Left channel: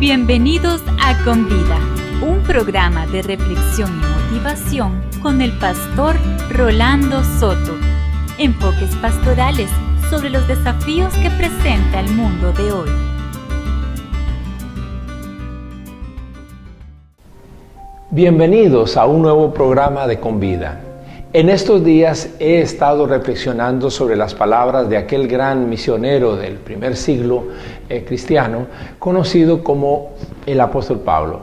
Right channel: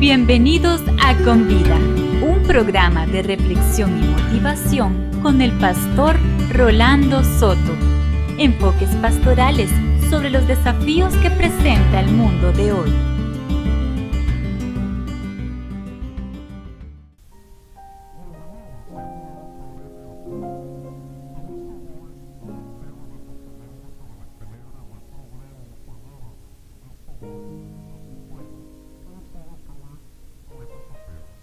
Bienvenidos a Con Vida, un programa de reflexión y motivación con el pastor Rolando Soto. Enfoques pastorales sobre los desafíos que presenta el mundo de hoy. Bienvenidos a un nuevo programa de Con Vida. En estos días he estado reflexionando sobre las palabras de aquel gran misionero del primer siglo cristiano, conocido como el apóstol Pablo.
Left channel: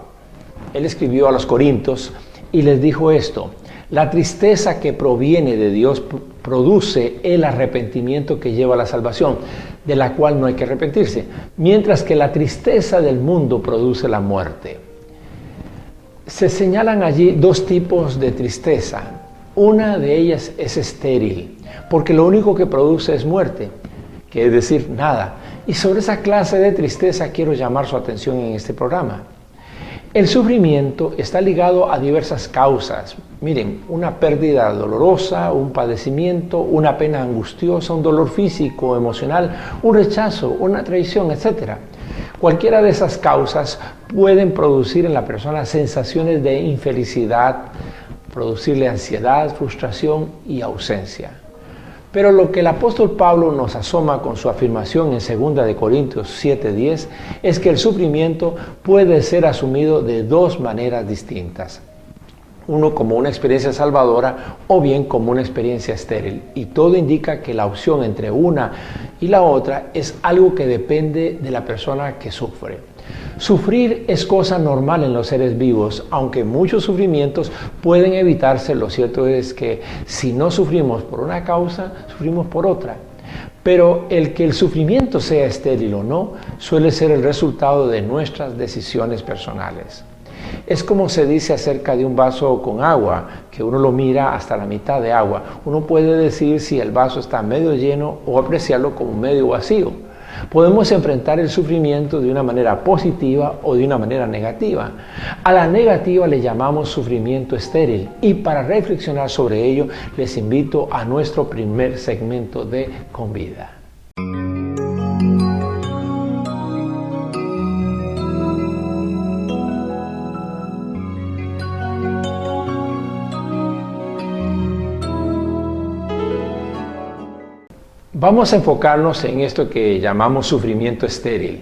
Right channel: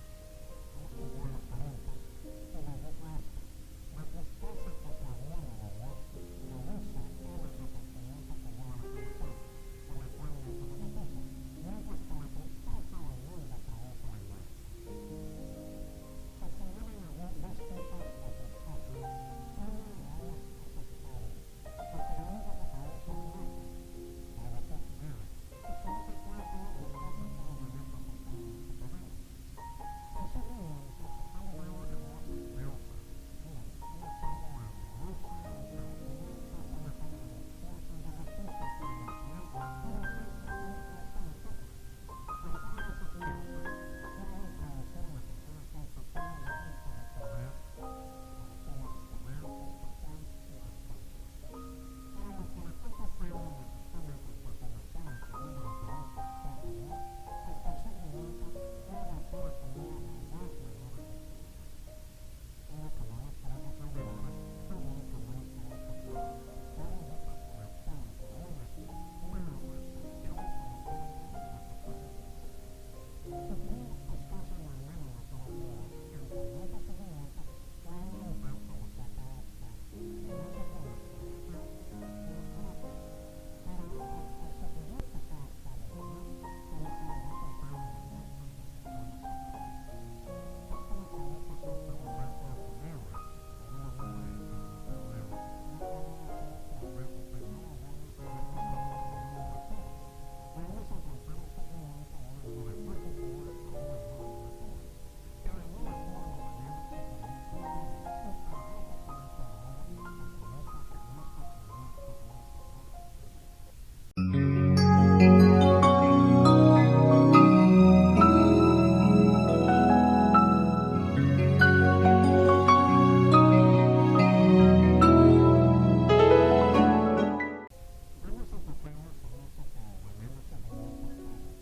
Él escribió a los Corintios y les dijo esto: la tristeza que proviene de Dios produce el arrepentimiento que lleva a la salvación, de la cual no hay que arrepentirse, mientras que la tristeza del mundo produce la muerte. Se señalan allí dos tipos de tristeza. Una de ellas es estéril, porque lo único que produce es muerte, que es decir, nada. Y sobre esa clase de tristeza quiero llamar su atención en este programa. El sufrimiento está ligado a diversas causas. Miren, una pérdida dolorosa, un padecimiento, una pena angustiosa, un dolor físico, emocional, un rechazo, una traición, etc. Cualquiera de esas causas pueden producir en la persona sensaciones de infelicidad, producirle ansiedad, frustración y ausencia. Pero lo que el apóstol Pablo nos asoma con su afirmación en 2 Corintios 7:10 es que el sufrimiento puede ser asumido de dos maneras distintas. Uno como una experiencia salvadora o bien como una experiencia estéril. Y todo indica que la opción entre una y la otra es algo que depende de la persona que sufre. Sufrir es cosa normal en los seres vivos, aunque muchos sufrimientos pueden evitarse. Lo cierto es que si no sufrimos por una causa, sufrimos por otra. Pero el que el sufrimiento sea estéril o no, suele ser el resultado de nuestras decisiones personales. Es como se dice acerca de un vaso con agua, que uno lo mira hasta la mitad de agua. Uno puede decir si el vaso está medio lleno o apreciarlo como medio vacío. Podemos enfrentar el sufrimiento de una manera positiva o de una manera negativa. A la negativa le llamamos sufrimiento estéril, y para reflexionar sobre ello les invito a nuestro primer segmento de Con Vida. Vamos a enfocarnos en esto que llamamos sufrimiento estéril.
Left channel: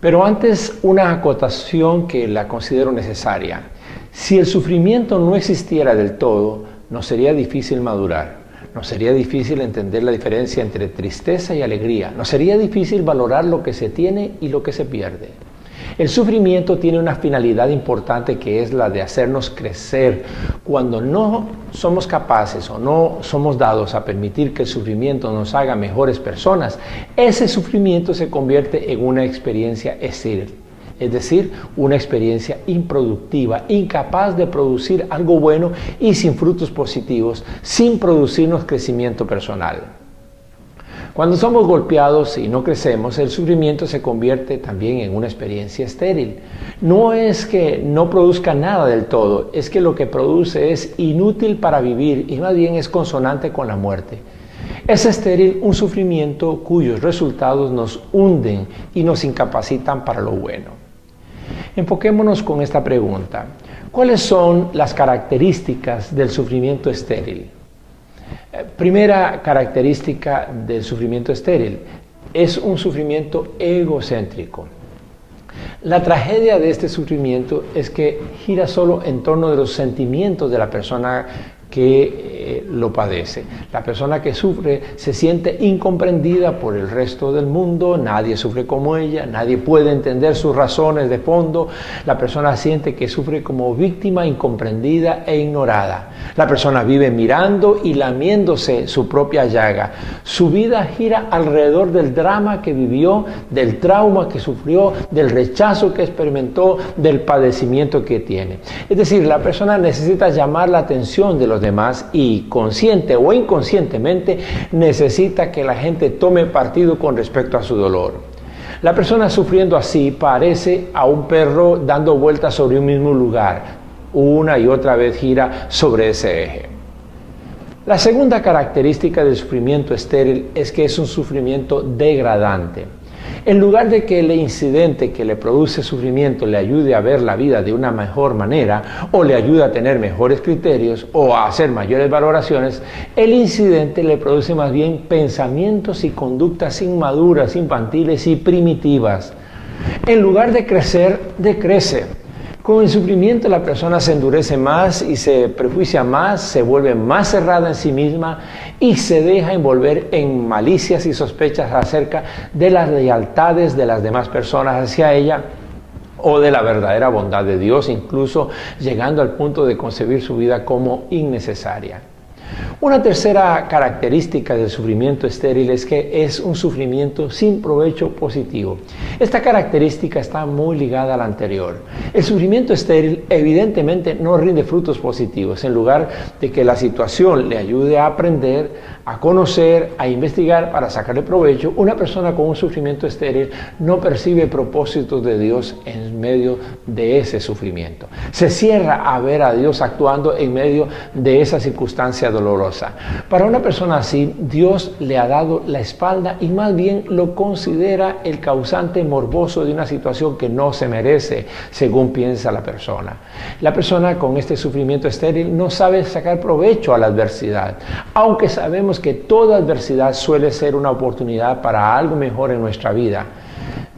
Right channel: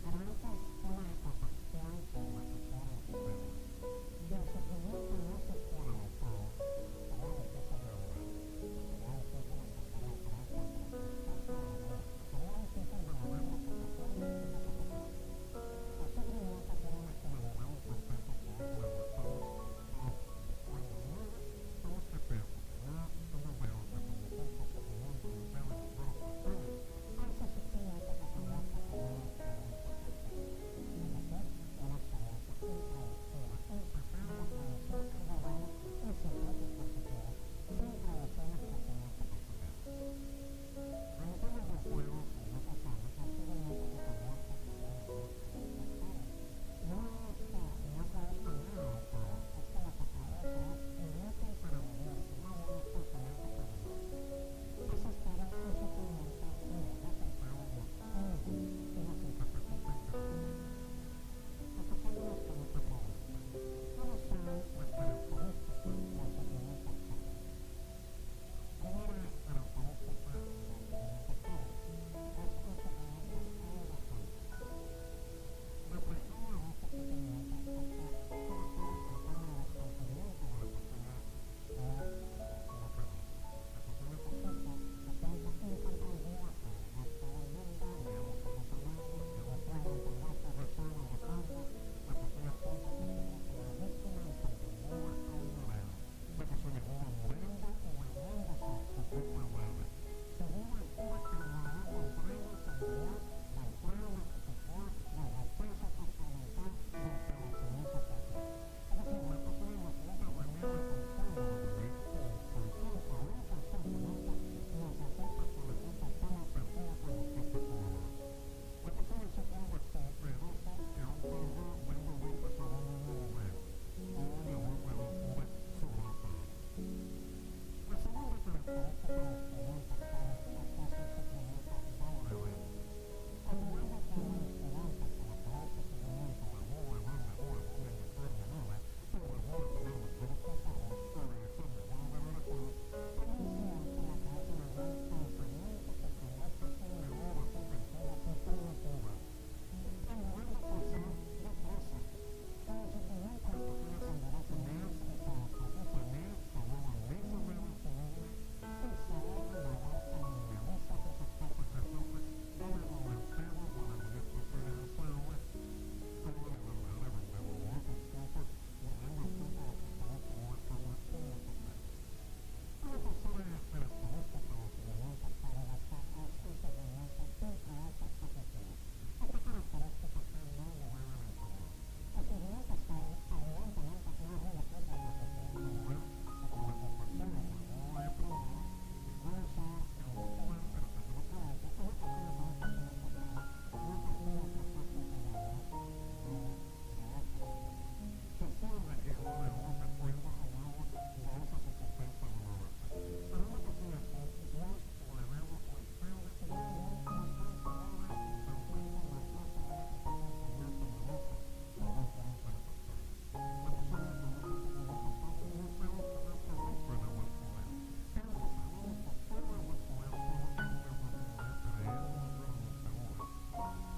Pero antes, una acotación que la considero necesaria. Si el sufrimiento no existiera del todo, nos sería difícil madurar. Nos sería difícil entender la diferencia entre tristeza y alegría. Nos sería difícil valorar lo que se tiene y lo que se pierde. El sufrimiento tiene una finalidad importante, que es la de hacernos crecer. Cuando no somos capaces o no somos dados a permitir que el sufrimiento nos haga mejores personas, ese sufrimiento se convierte en una experiencia estéril, es decir, una experiencia improductiva, incapaz de producir algo bueno y sin frutos positivos, sin producirnos crecimiento personal. Cuando somos golpeados y no crecemos, el sufrimiento se convierte también en una experiencia estéril. No es que no produzca nada del todo, es que lo que produce es inútil para vivir y más bien es consonante con la muerte. Es estéril un sufrimiento cuyos resultados nos hunden y nos incapacitan para lo bueno. Enfoquémonos con esta pregunta: ¿cuáles son las características del sufrimiento estéril? Primera característica del sufrimiento estéril: es un sufrimiento egocéntrico. La tragedia de este sufrimiento es que gira solo en torno de los sentimientos de la persona que lo padece. La persona que sufre se siente incomprendida por el resto del mundo, nadie sufre como ella, nadie puede entender sus razones de fondo. La persona siente que sufre como víctima incomprendida e ignorada. La persona vive mirando y lamiéndose su propia llaga. Su vida gira alrededor del drama que vivió, del trauma que sufrió, del rechazo que experimentó, del padecimiento que tiene. Es decir, la persona necesita llamar la atención de los demás y, consciente o inconscientemente, necesita que la gente tome partido con respecto a su dolor. La persona sufriendo así parece a un perro dando vueltas sobre un mismo lugar. Una y otra vez gira sobre ese eje. La segunda característica del sufrimiento estéril es que es un sufrimiento degradante. En lugar de que el incidente que le produce sufrimiento le ayude a ver la vida de una mejor manera o le ayude a tener mejores criterios o a hacer mayores valoraciones, el incidente le produce más bien pensamientos y conductas inmaduras, infantiles y primitivas. En lugar de crecer, decrece. Con el sufrimiento la persona se endurece más y se prejuicia más, se vuelve más cerrada en sí misma y se deja envolver en malicias y sospechas acerca de las lealtades de las demás personas hacia ella o de la verdadera bondad de Dios, incluso llegando al punto de concebir su vida como innecesaria. Una tercera característica del sufrimiento estéril es que es un sufrimiento sin provecho positivo. Esta característica está muy ligada a la anterior. El sufrimiento estéril evidentemente no rinde frutos positivos. En lugar de que la situación le ayude a aprender, a conocer, a investigar para sacarle provecho, una persona con un sufrimiento estéril no percibe propósitos de Dios en medio de ese sufrimiento. Se cierra a ver a Dios actuando en medio de esa circunstancia dolorosa. Para una persona así, Dios le ha dado la espalda y más bien lo considera el causante morboso de una situación que no se merece, según piensa la persona. La persona con este sufrimiento estéril no sabe sacar provecho a la adversidad, aunque sabemos que toda adversidad suele ser una oportunidad para algo mejor en nuestra vida.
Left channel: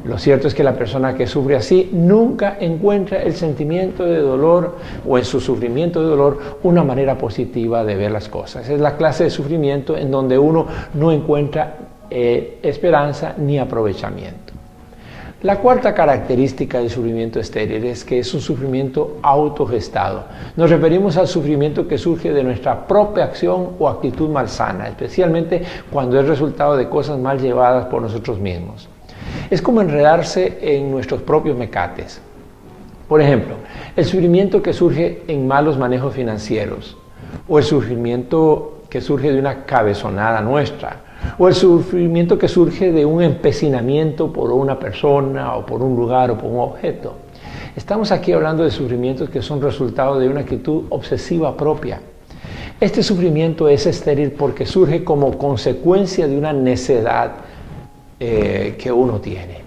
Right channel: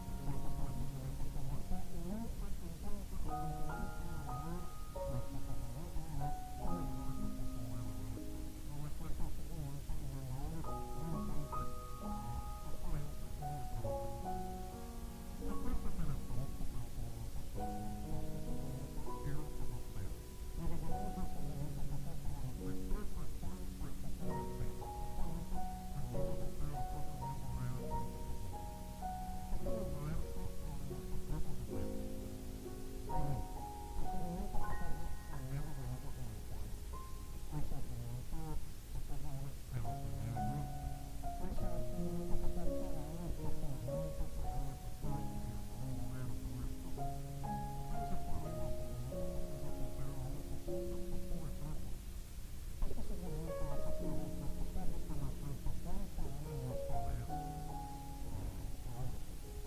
Lo cierto es que la persona que sufre así nunca encuentra el sentimiento de dolor o en su sufrimiento de dolor una manera positiva de ver las cosas. Es la clase de sufrimiento en donde uno no encuentra esperanza ni aprovechamiento. La cuarta característica del sufrimiento estéril es que es un sufrimiento autogestado. Nos referimos al sufrimiento que surge de nuestra propia acción o actitud malsana, especialmente cuando es resultado de cosas mal llevadas por nosotros mismos. Es como enredarse en nuestros propios mecates. Por ejemplo, el sufrimiento que surge en malos manejos financieros, o el sufrimiento que surge de una cabezonada nuestra, o el sufrimiento que surge de un empecinamiento por una persona o por un lugar o por un objeto. Estamos aquí hablando de sufrimientos que son resultado de una actitud obsesiva propia. Este sufrimiento es estéril porque surge como consecuencia de una necedad que uno tiene.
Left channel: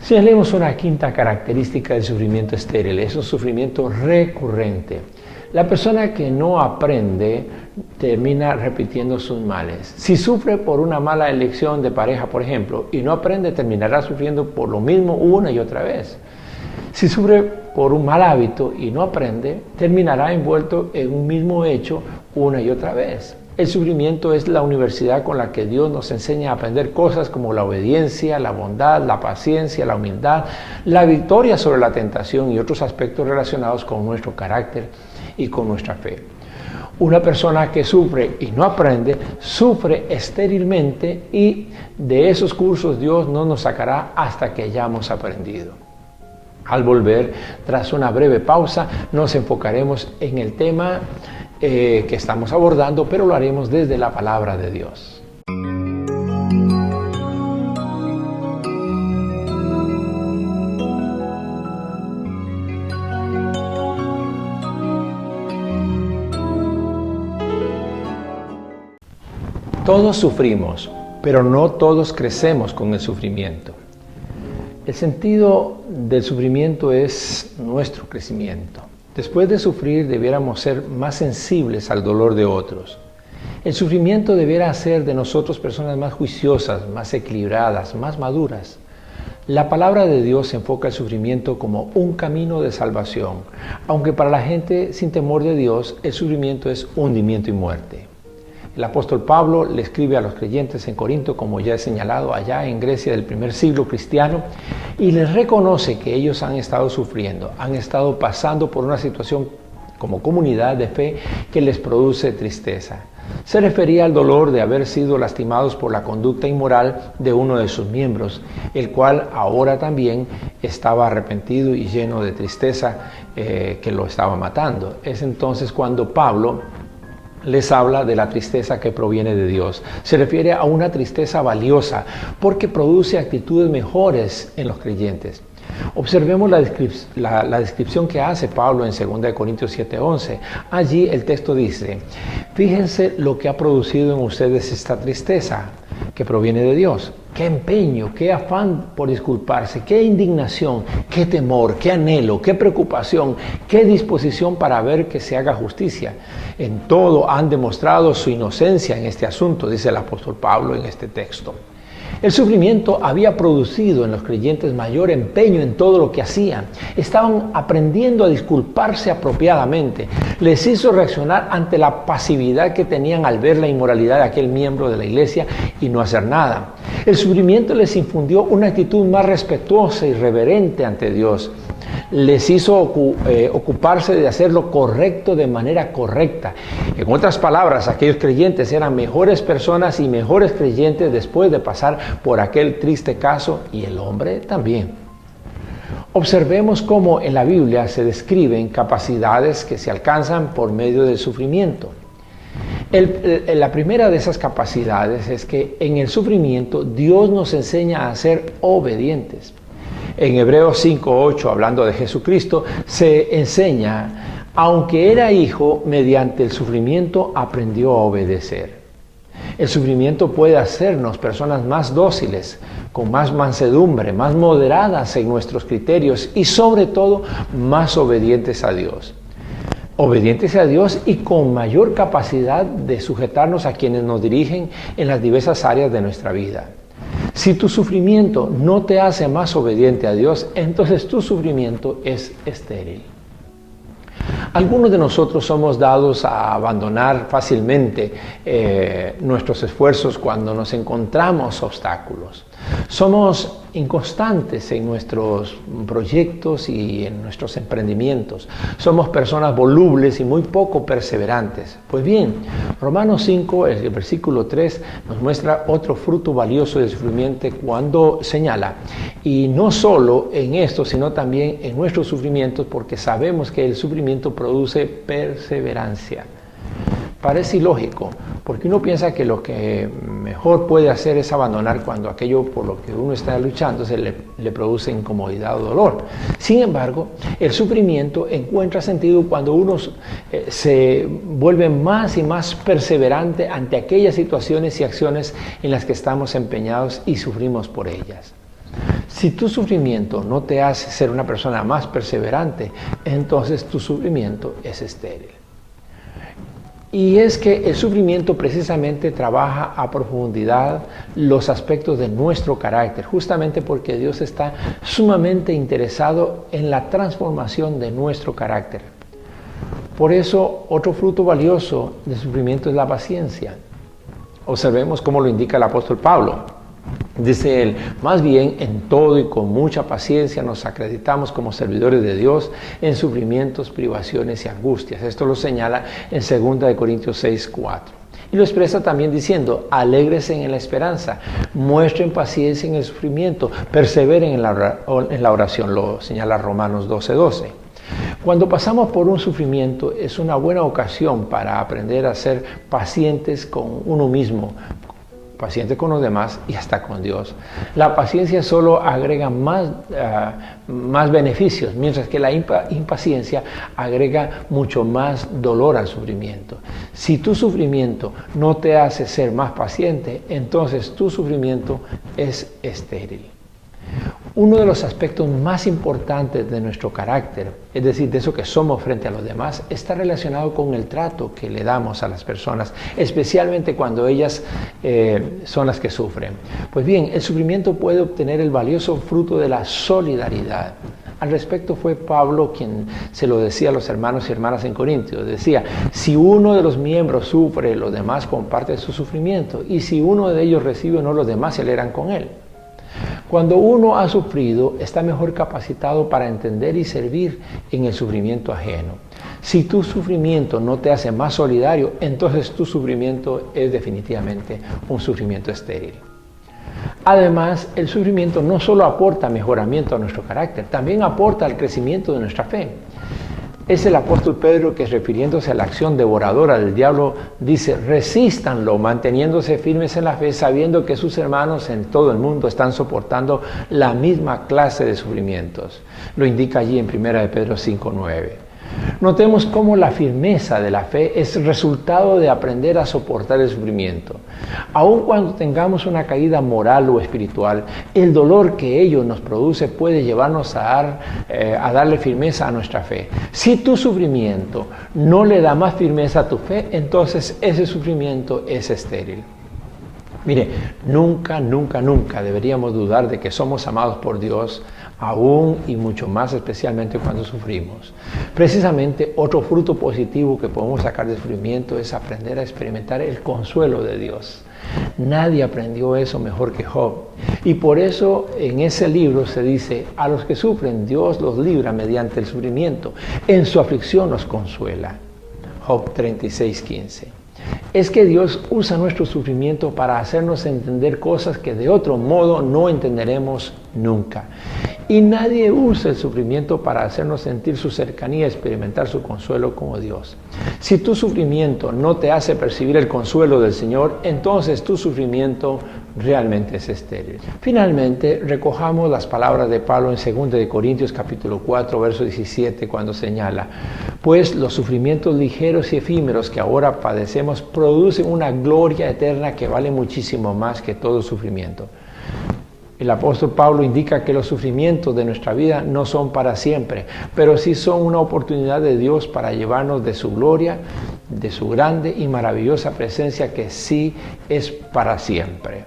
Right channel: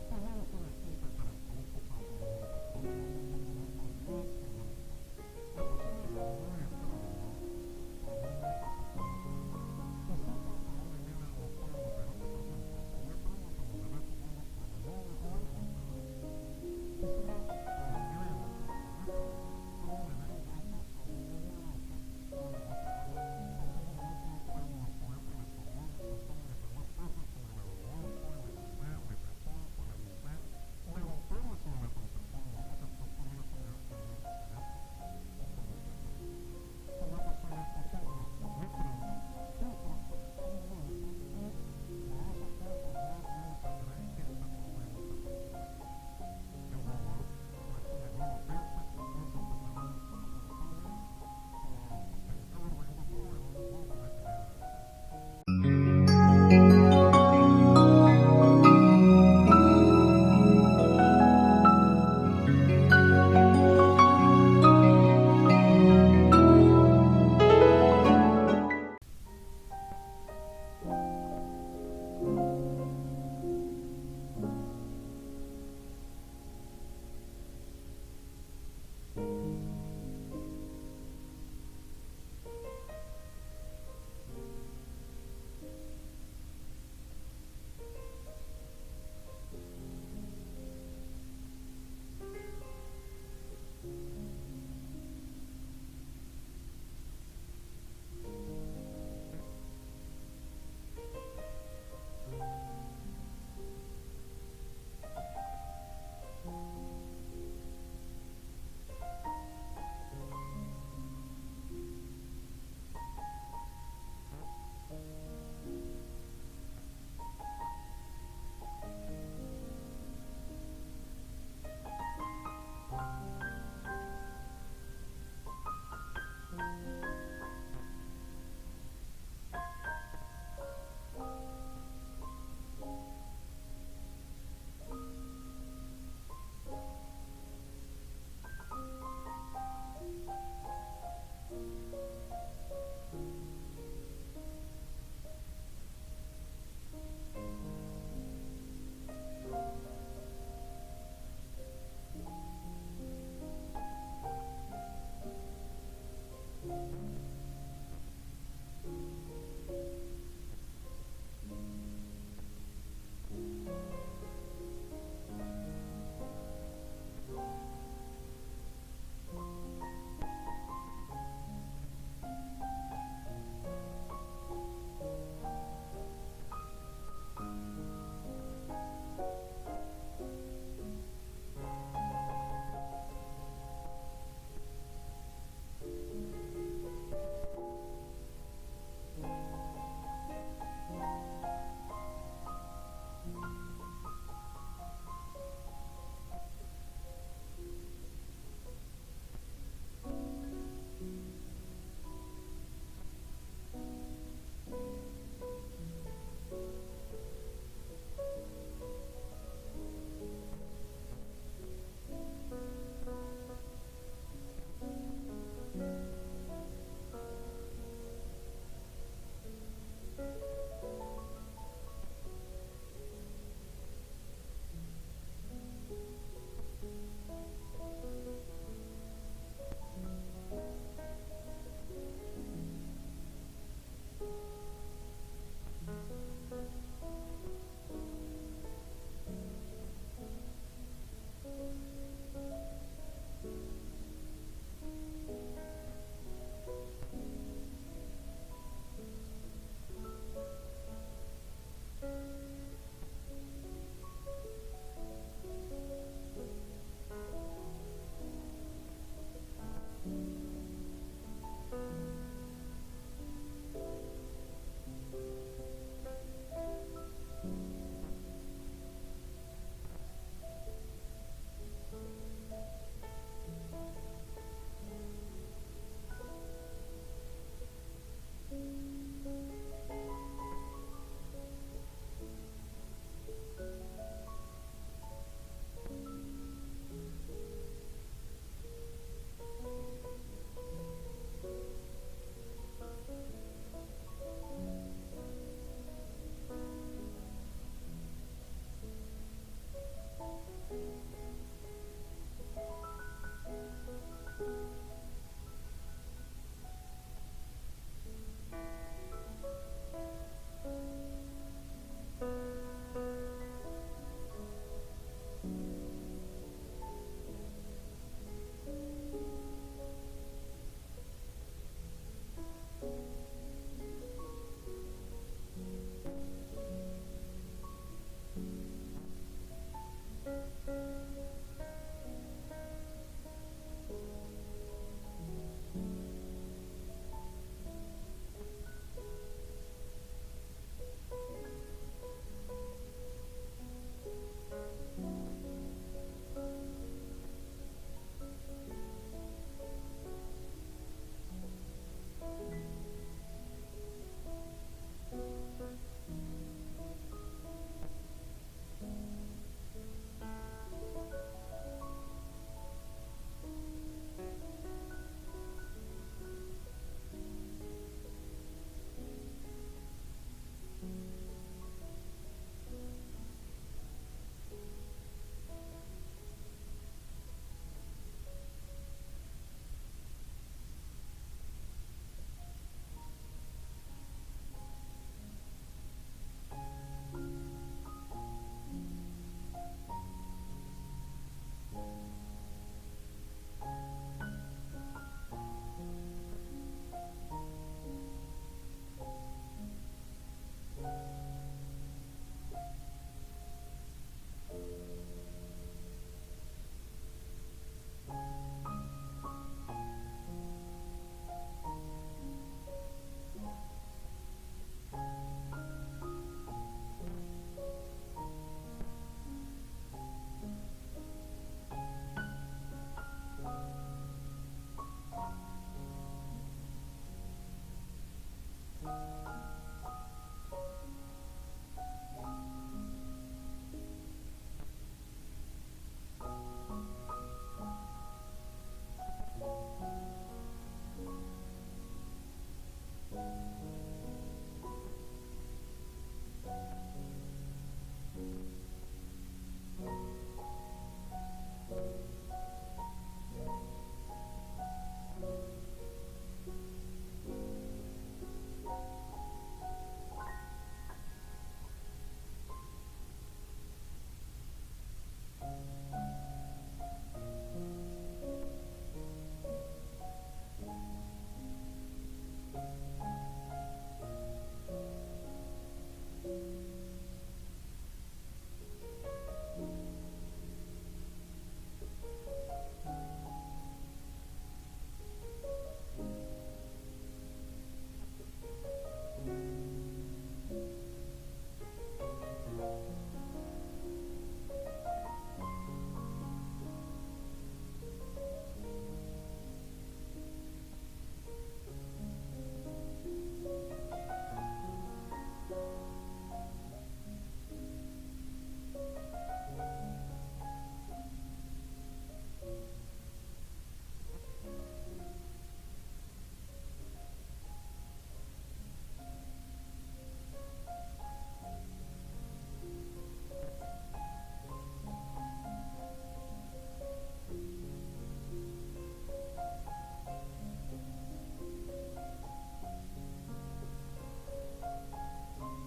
Señalemos una quinta característica del sufrimiento estéril, es un sufrimiento recurrente. La persona que no aprende termina repitiendo sus males. Si sufre por una mala elección de pareja, por ejemplo, y no aprende, terminará sufriendo por lo mismo una y otra vez. Si sufre por un mal hábito y no aprende, terminará envuelto en un mismo hecho una y otra vez. El sufrimiento es la universidad con la que Dios nos enseña a aprender cosas como la obediencia, la bondad, la paciencia, la humildad, la victoria sobre la tentación y otros aspectos relacionados con nuestro carácter y con nuestra fe. Una persona que sufre y no aprende, sufre estérilmente y de esos cursos Dios no nos sacará hasta que hayamos aprendido. Al volver, tras una breve pausa, nos enfocaremos en el tema que estamos abordando, pero lo haremos desde la palabra de Dios. Todos sufrimos, pero no todos crecemos con el sufrimiento. El sentido del sufrimiento es nuestro crecimiento. Después de sufrir, debiéramos ser más sensibles al dolor de otros. El sufrimiento debiera hacer de nosotros personas más juiciosas, más equilibradas, más maduras. La palabra de Dios enfoca el sufrimiento como un camino de salvación, aunque para la gente sin temor de Dios, el sufrimiento es hundimiento y muerte. El apóstol Pablo le escribe a los creyentes en Corinto, como ya he señalado, allá en Grecia del primer siglo cristiano, y les reconoce que ellos han estado sufriendo, han estado pasando por una situación como comunidad de fe que les produce tristeza. Se refería al dolor de haber sido lastimados por la conducta inmoral de uno de sus miembros, el cual ahora también estaba arrepentido y lleno de tristeza que lo estaba matando. Es entonces cuando Pablo les habla de la tristeza que proviene de Dios. Se refiere a una tristeza valiosa porque produce actitudes mejores en los creyentes. Observemos la descripción que hace Pablo en 2 Corintios 7:11. Allí el texto dice: fíjense lo que ha producido en ustedes esta tristeza que proviene de Dios. qué empeño, qué afán por disculparse, qué indignación, qué temor, qué anhelo, qué preocupación, qué disposición para ver que se haga justicia. En todo han demostrado su inocencia en este asunto, dice el apóstol Pablo en este texto. El sufrimiento había producido en los creyentes mayor empeño en todo lo que hacían. Estaban aprendiendo a disculparse apropiadamente. Les hizo reaccionar ante la pasividad que tenían al ver la inmoralidad de aquel miembro de la iglesia y no hacer nada. El sufrimiento les infundió una actitud más respetuosa y reverente ante Dios. Les hizo ocuparse de hacer lo correcto de manera correcta. En otras palabras, aquellos creyentes eran mejores personas y mejores creyentes después de pasar por aquel triste caso, y el hombre también. Observemos cómo en la Biblia se describen capacidades que se alcanzan por medio del sufrimiento. La primera de esas capacidades es que en el sufrimiento Dios nos enseña a ser obedientes. En Hebreos 5:8, hablando de Jesucristo, se enseña, aunque era hijo, mediante el sufrimiento aprendió a obedecer. El sufrimiento puede hacernos personas más dóciles, con más mansedumbre, más moderadas en nuestros criterios y sobre todo más obedientes a Dios. Obedientes a Dios y con mayor capacidad de sujetarnos a quienes nos dirigen en las diversas áreas de nuestra vida. Si tu sufrimiento no te hace más obediente a Dios, entonces tu sufrimiento es estéril. Algunos de nosotros somos dados a abandonar fácilmente nuestros esfuerzos cuando nos encontramos obstáculos. Somos inconstantes en nuestros proyectos y en nuestros emprendimientos. Somos personas volubles y muy poco perseverantes. Pues bien, Romanos 5, el versículo 3, nos muestra otro fruto valioso del sufrimiento cuando señala, y no solo en esto, sino también en nuestros sufrimientos, porque sabemos que el sufrimiento produce perseverancia. Parece ilógico, porque uno piensa que lo que mejor puede hacer es abandonar cuando aquello por lo que uno está luchando le produce incomodidad o dolor. Sin embargo, el sufrimiento encuentra sentido cuando uno se vuelve más y más perseverante ante aquellas situaciones y acciones en las que estamos empeñados y sufrimos por ellas. Si tu sufrimiento no te hace ser una persona más perseverante, entonces tu sufrimiento es estéril. Y es que el sufrimiento precisamente trabaja a profundidad los aspectos de nuestro carácter, justamente porque Dios está sumamente interesado en la transformación de nuestro carácter. Por eso, otro fruto valioso del sufrimiento es la paciencia. Observemos cómo lo indica el apóstol Pablo. Dice él, más bien en todo y con mucha paciencia nos acreditamos como servidores de Dios en sufrimientos, privaciones y angustias. Esto lo señala en 2 Corintios 6:4. Y lo expresa también diciendo, alégresen en la esperanza, muestren paciencia en el sufrimiento, perseveren en la oración, lo señala Romanos 12:12. Cuando pasamos por un sufrimiento es una buena ocasión para aprender a ser pacientes con uno mismo, paciente con los demás y hasta con Dios. La paciencia solo agrega más beneficios, mientras que la impaciencia agrega mucho más dolor al sufrimiento. Si tu sufrimiento no te hace ser más paciente, entonces tu sufrimiento es estéril. Uno de los aspectos más importantes de nuestro carácter, es decir, de eso que somos frente a los demás, está relacionado con el trato que le damos a las personas, especialmente cuando ellas son las que sufren. Pues bien, el sufrimiento puede obtener el valioso fruto de la solidaridad. Al respecto fue Pablo quien se lo decía a los hermanos y hermanas en Corintios. Decía, si uno de los miembros sufre, los demás comparten su sufrimiento, y si uno de ellos recibe honor, los demás se alegran con él. Cuando uno ha sufrido, está mejor capacitado para entender y servir en el sufrimiento ajeno. Si tu sufrimiento no te hace más solidario, entonces tu sufrimiento es definitivamente un sufrimiento estéril. Además, el sufrimiento no solo aporta mejoramiento a nuestro carácter, también aporta al crecimiento de nuestra fe. Es el apóstol Pedro que, refiriéndose a la acción devoradora del diablo, dice, resístanlo, manteniéndose firmes en la fe, sabiendo que sus hermanos en todo el mundo están soportando la misma clase de sufrimientos. Lo indica allí en 1 Pedro 5:9. Notemos cómo la firmeza de la fe es resultado de aprender a soportar el sufrimiento. Aun cuando tengamos una caída moral o espiritual, el dolor que ello nos produce puede llevarnos a darle firmeza a nuestra fe. Si tu sufrimiento no le da más firmeza a tu fe, entonces ese sufrimiento es estéril. Mire, nunca deberíamos dudar de que somos amados por Dios, aún y mucho más especialmente cuando sufrimos. Precisamente otro fruto positivo que podemos sacar del sufrimiento es aprender a experimentar el consuelo de Dios. Nadie aprendió eso mejor que Job. Y por eso en ese libro se dice, a los que sufren Dios los libra mediante el sufrimiento, en su aflicción los consuela. Job 36:15. Es que Dios usa nuestro sufrimiento para hacernos entender cosas que de otro modo no entenderemos nunca. Y nadie usa el sufrimiento para hacernos sentir su cercanía y experimentar su consuelo como Dios. Si tu sufrimiento no te hace percibir el consuelo del Señor, entonces tu sufrimiento realmente es estéril. Finalmente, recojamos las palabras de Pablo en 2 Corintios capítulo 4, verso 17, cuando señala: pues los sufrimientos ligeros y efímeros que ahora padecemos producen una gloria eterna que vale muchísimo más que todo sufrimiento. El apóstol Pablo indica que los sufrimientos de nuestra vida no son para siempre, pero sí son una oportunidad de Dios para llevarnos de su gloria, de su grande y maravillosa presencia que sí es para siempre.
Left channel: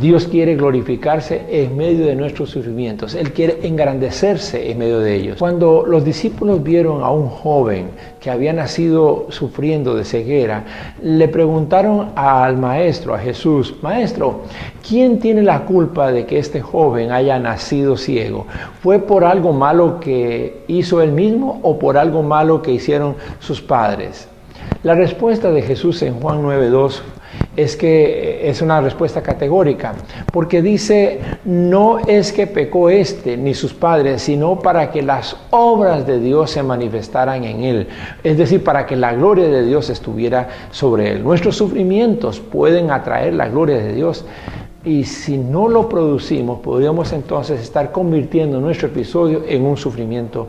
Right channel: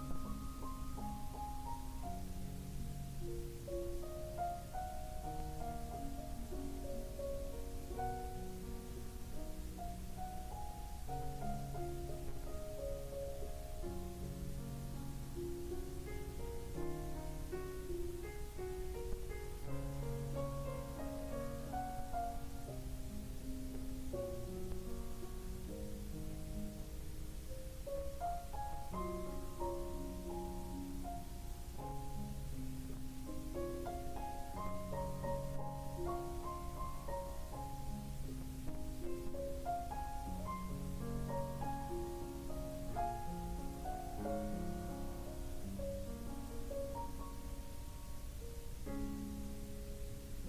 Dios quiere glorificarse en medio de nuestros sufrimientos. Él quiere engrandecerse en medio de ellos. Cuando los discípulos vieron a un joven que había nacido sufriendo de ceguera, le preguntaron al maestro, a Jesús: Maestro, ¿quién tiene la culpa de que este joven haya nacido ciego? ¿Fue por algo malo que hizo él mismo o por algo malo que hicieron sus padres? La respuesta de Jesús en Juan 9:2 es que es una respuesta categórica, porque dice: no es que pecó ni sus padres, sino para que las obras de Dios se manifestaran en él, es decir, para que la gloria de Dios estuviera sobre él. Nuestros sufrimientos pueden atraer la gloria de Dios, y si no lo producimos, podríamos entonces estar convirtiendo nuestro episodio en un sufrimiento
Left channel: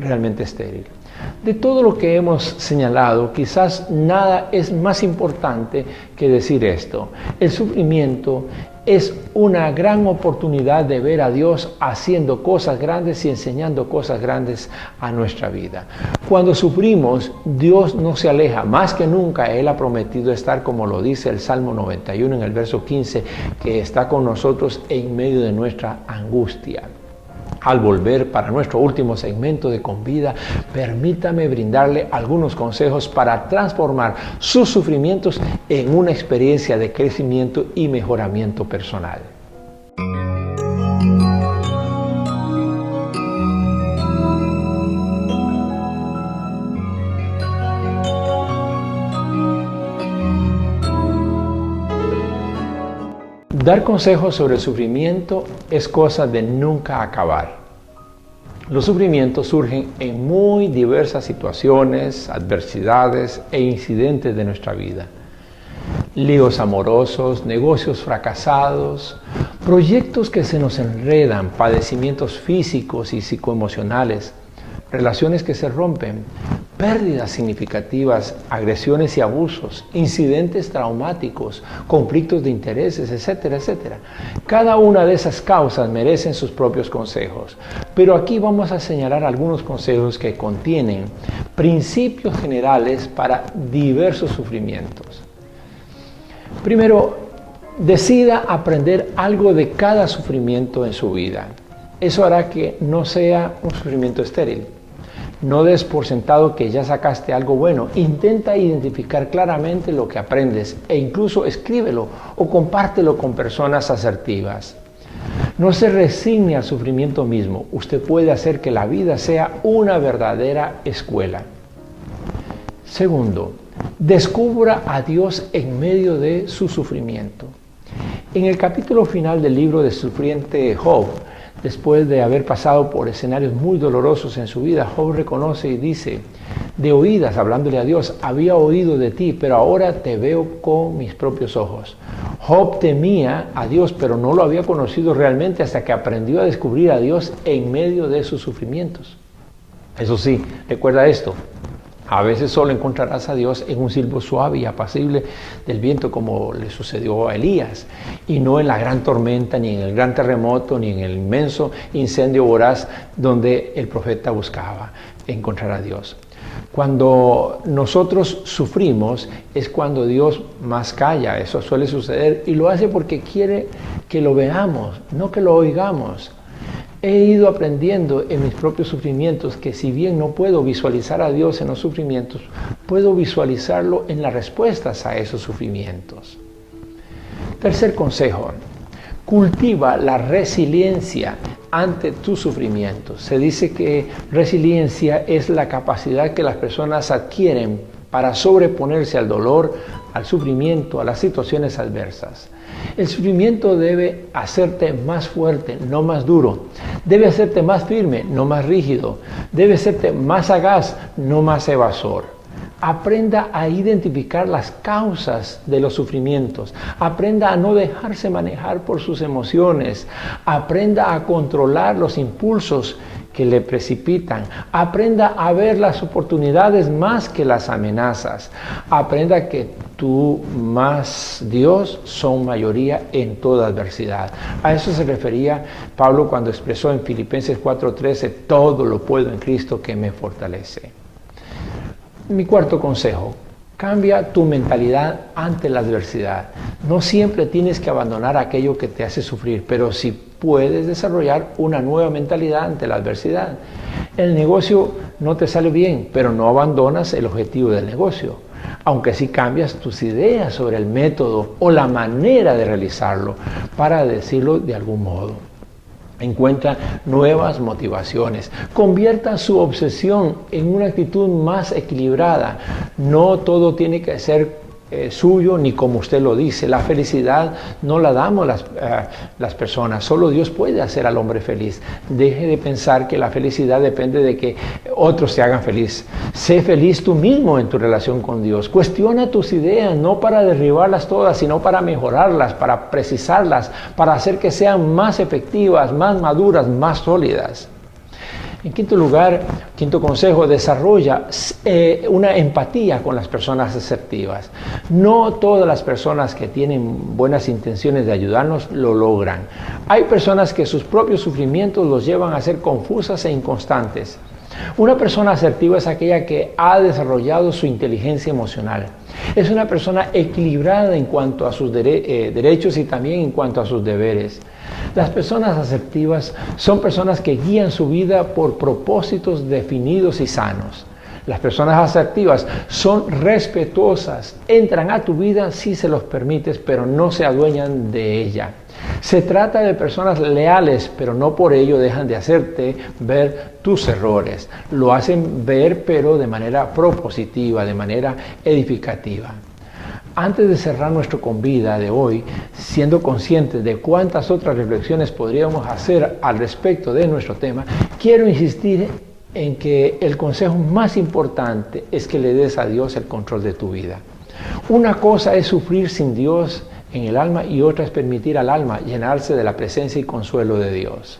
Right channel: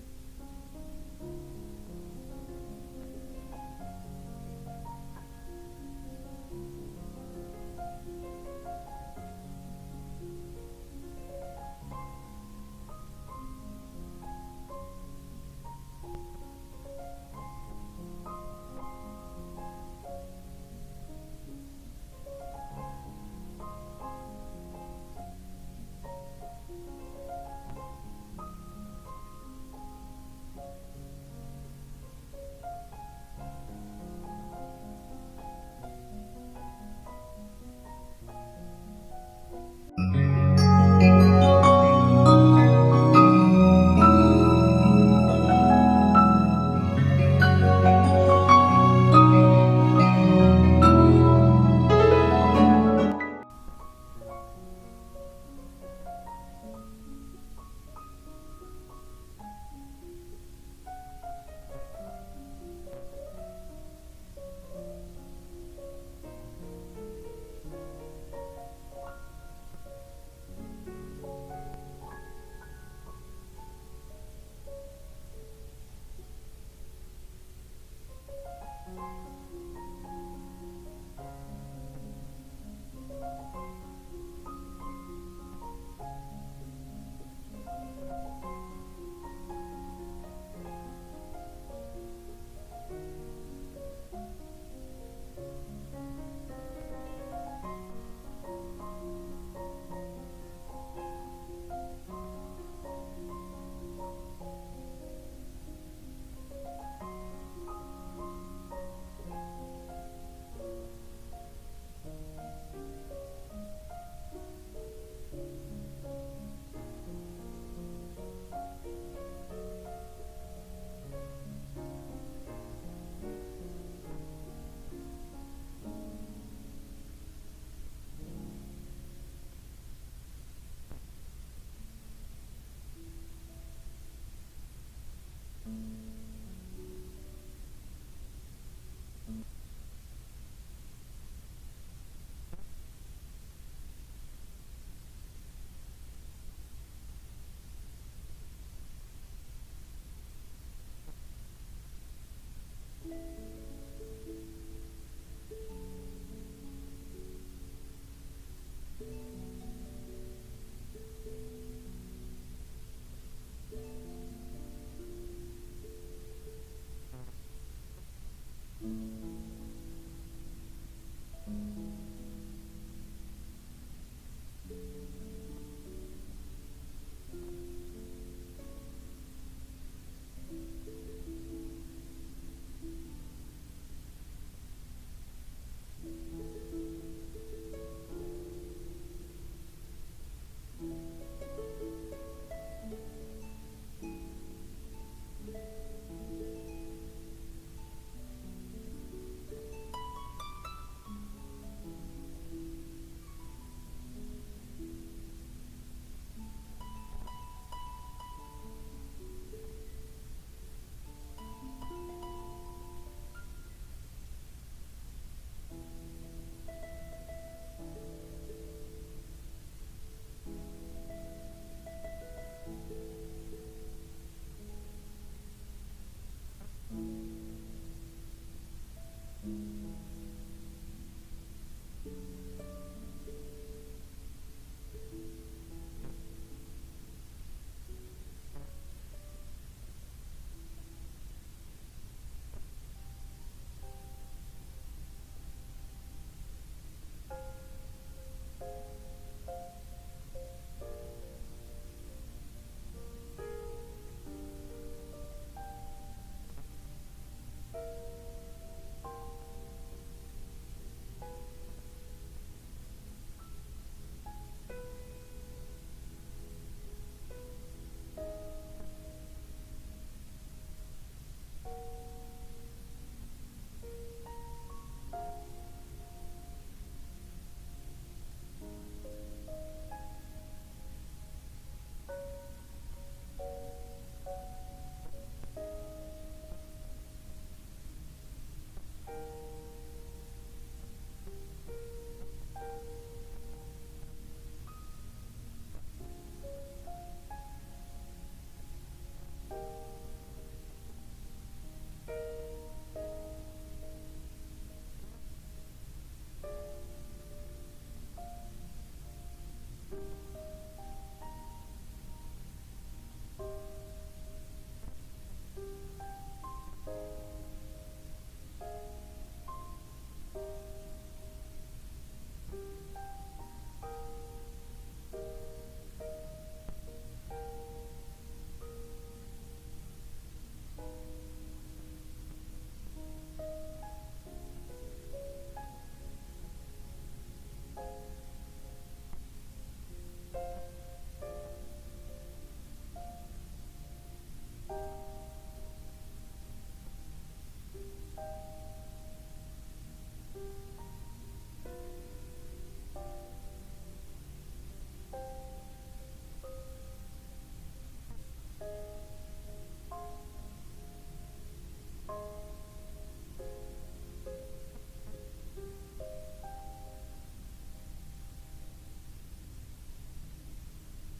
realmente estéril. De todo lo que hemos señalado, quizás nada es más importante que decir esto: el sufrimiento es una gran oportunidad de ver a Dios haciendo cosas grandes y enseñando cosas grandes a nuestra vida. Cuando sufrimos, Dios no se aleja, más que nunca Él ha prometido estar, como lo dice el Salmo 91 en el verso 15, que está con nosotros en medio de nuestra angustia. Al volver para nuestro último segmento de Con Vida, permítame brindarle algunos consejos para transformar sus sufrimientos en una experiencia de crecimiento y mejoramiento personal. Dar consejos sobre el sufrimiento es cosa de nunca acabar. Los sufrimientos surgen en muy diversas situaciones, adversidades e incidentes de nuestra vida. Líos amorosos, negocios fracasados, proyectos que se nos enredan, padecimientos físicos y psicoemocionales, relaciones que se rompen, pérdidas significativas, agresiones y abusos, incidentes traumáticos, conflictos de intereses, etcétera, etcétera. Cada una de esas causas merecen sus propios consejos, pero aquí vamos a señalar algunos consejos que contienen principios generales para diversos sufrimientos. Primero, decida aprender algo de cada sufrimiento en su vida. Eso hará que no sea un sufrimiento estéril. No des por sentado que ya sacaste algo bueno. Intenta identificar claramente lo que aprendes e incluso escríbelo o compártelo con personas asertivas. No se resigne al sufrimiento mismo. Usted puede hacer que la vida sea una verdadera escuela. Segundo, descubra a Dios en medio de su sufrimiento. En el capítulo final del libro del sufriente Job, después de haber pasado por escenarios muy dolorosos en su vida, Job reconoce y dice: de oídas, hablándole a Dios, había oído de ti, pero ahora te veo con mis propios ojos. Job temía a Dios, pero no lo había conocido realmente hasta que aprendió a descubrir a Dios en medio de sus sufrimientos. Eso sí, recuerda esto. A veces solo encontrarás a Dios en un silbo suave y apacible del viento, como le sucedió a Elías, y no en la gran tormenta, ni en el gran terremoto, ni en el inmenso incendio voraz donde el profeta buscaba encontrar a Dios. Cuando nosotros sufrimos es cuando Dios más calla. Eso suele suceder y lo hace porque quiere que lo veamos, no que lo oigamos. He ido aprendiendo en mis propios sufrimientos que si bien no puedo visualizar a Dios en los sufrimientos, puedo visualizarlo en las respuestas a esos sufrimientos. Tercer consejo, cultiva la resiliencia ante tus sufrimientos. Se dice que resiliencia es la capacidad que las personas adquieren para sobreponerse al dolor, al sufrimiento, a las situaciones adversas. El sufrimiento debe hacerte más fuerte, no más duro. Debe hacerte más firme, no más rígido. Debe hacerte más sagaz, no más evasor. Aprenda a identificar las causas de los sufrimientos. Aprenda a no dejarse manejar por sus emociones. Aprenda a controlar los impulsos que le precipitan. Aprenda a ver las oportunidades más que las amenazas. Aprenda que tú más Dios son mayoría en toda adversidad. A eso se refería Pablo cuando expresó en Filipenses 4:13, todo lo puedo en Cristo que me fortalece. Mi cuarto consejo, cambia tu mentalidad ante la adversidad. No siempre tienes que abandonar aquello que te hace sufrir, pero sí puedes desarrollar una nueva mentalidad ante la adversidad. El negocio no te sale bien, pero no abandonas el objetivo del negocio, aunque sí cambias tus ideas sobre el método o la manera de realizarlo, para decirlo de algún modo. Encuentra nuevas motivaciones. Convierta su obsesión en una actitud más equilibrada. No todo tiene que ser suyo ni como usted lo dice. La felicidad no la damos las personas. Solo Dios puede hacer al hombre feliz. Deje de pensar que la felicidad depende de que otros te hagan feliz. Sé feliz tú mismo en tu relación con Dios. Cuestiona tus ideas, no para derribarlas todas, sino para mejorarlas, para precisarlas, para hacer que sean más efectivas, más maduras, más sólidas. En quinto lugar, quinto consejo, desarrolla una empatía con las personas asertivas. No todas las personas que tienen buenas intenciones de ayudarnos lo logran. Hay personas que sus propios sufrimientos los llevan a ser confusas e inconstantes. Una persona asertiva es aquella que ha desarrollado su inteligencia emocional. Es una persona equilibrada en cuanto a sus derechos y también en cuanto a sus deberes. Las personas asertivas son personas que guían su vida por propósitos definidos y sanos. Las personas asertivas son respetuosas, entran a tu vida si se los permites, pero no se adueñan de ella. Se trata de personas leales, pero no por ello dejan de hacerte ver tus errores. Lo hacen ver, pero de manera propositiva, de manera edificativa. Antes de cerrar nuestro Convida de hoy, siendo conscientes de cuántas otras reflexiones podríamos hacer al respecto de nuestro tema, quiero insistir en que el consejo más importante es que le des a Dios el control de tu vida. Una cosa es sufrir sin Dios en el alma y otra es permitir al alma llenarse de la presencia y consuelo de Dios.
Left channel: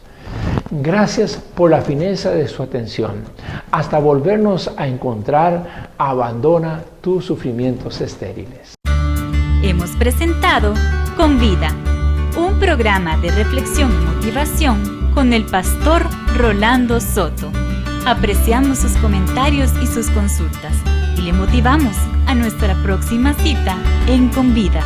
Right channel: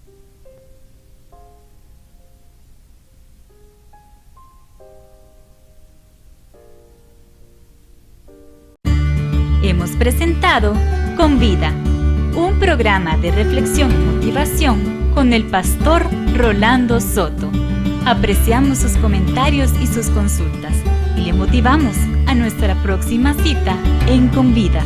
Gracias por la fineza de su atención. Hasta volvernos a encontrar, abandona tus sufrimientos estériles. Hemos presentado Convida, un programa de reflexión y motivación con el pastor Rolando Soto. Apreciamos sus comentarios y sus consultas y le motivamos a nuestra próxima cita en Convida.